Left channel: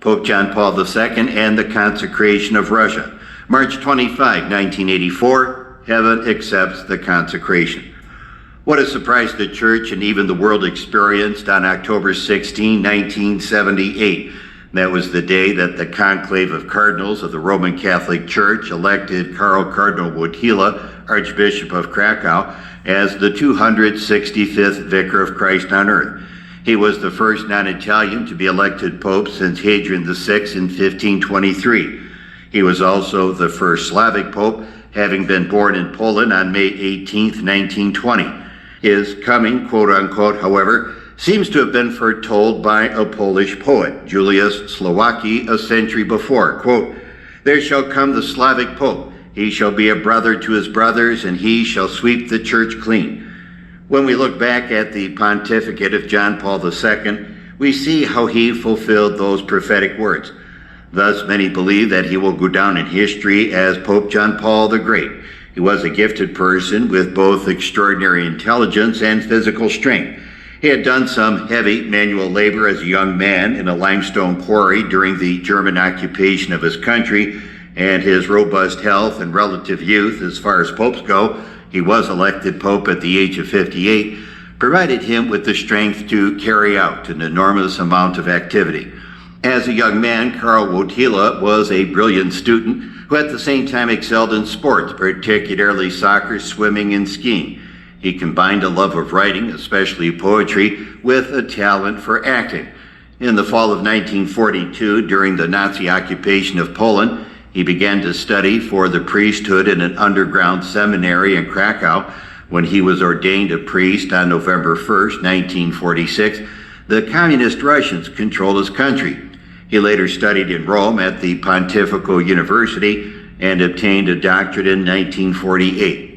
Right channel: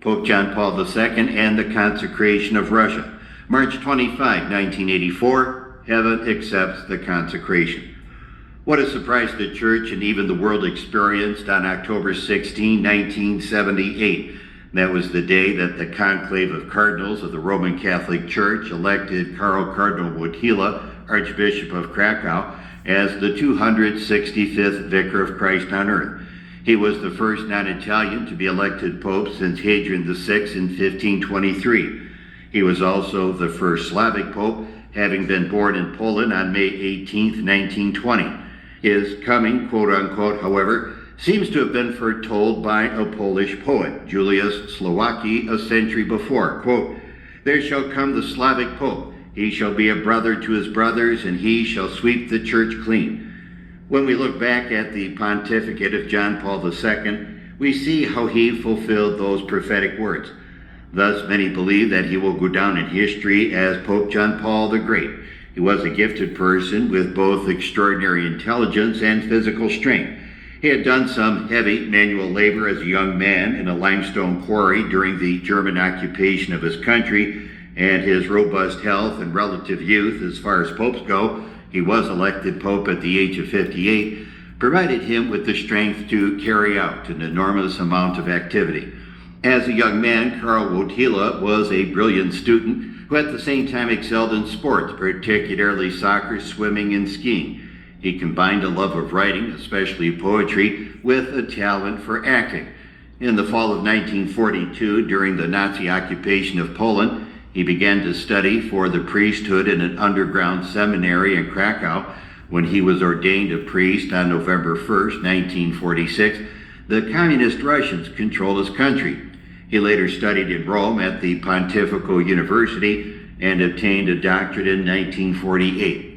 Pope John Paul II and the consecration of Russia. March 25, 1984, heaven accepts the consecration. What a surprise the Church and even the world experienced on October 16, 1978. That was the day that the conclave of cardinals of the Roman Catholic Church elected Karl Cardinal Wojtyla, Archbishop of Krakow, as the 265th Vicar of Christ on earth. He was the first non-Italian to be elected Pope since Hadrian VI in 1523. He was also the first Slavic Pope, having been born in Poland on May 18, 1920. His coming, quote-unquote, however, seems to have been foretold by a Polish poet, Julius Slowacki, a century before. Quote, "There shall come the Slavic Pope. He shall be a brother to his brothers, and he shall sweep the church clean." When we look back at the pontificate of John Paul II, we see how he fulfilled those prophetic words. Thus, many believe that he will go down in history as Pope John Paul the Great. He was a gifted person with both extraordinary intelligence and physical strength. He had done some heavy manual labor as a young man in a limestone quarry during the German occupation of his country, and his robust health and relative youth, as far as popes go, he was elected pope at the age of 58, provided him with the strength to carry out an enormous amount of activity. As a young man, Karl Wojtyla was a brilliant student who at the same time excelled in sports, particularly soccer, swimming, and skiing. He combined a love of writing, especially poetry, with a talent for acting. In the fall of 1942, during the Nazi occupation of Poland, he began to study for the priesthood in an underground seminary in Krakow. When he was ordained a priest on November 1st, 1946, the communist Russians controlled his country. He later studied in Rome at the Pontifical University and obtained a doctorate in 1948.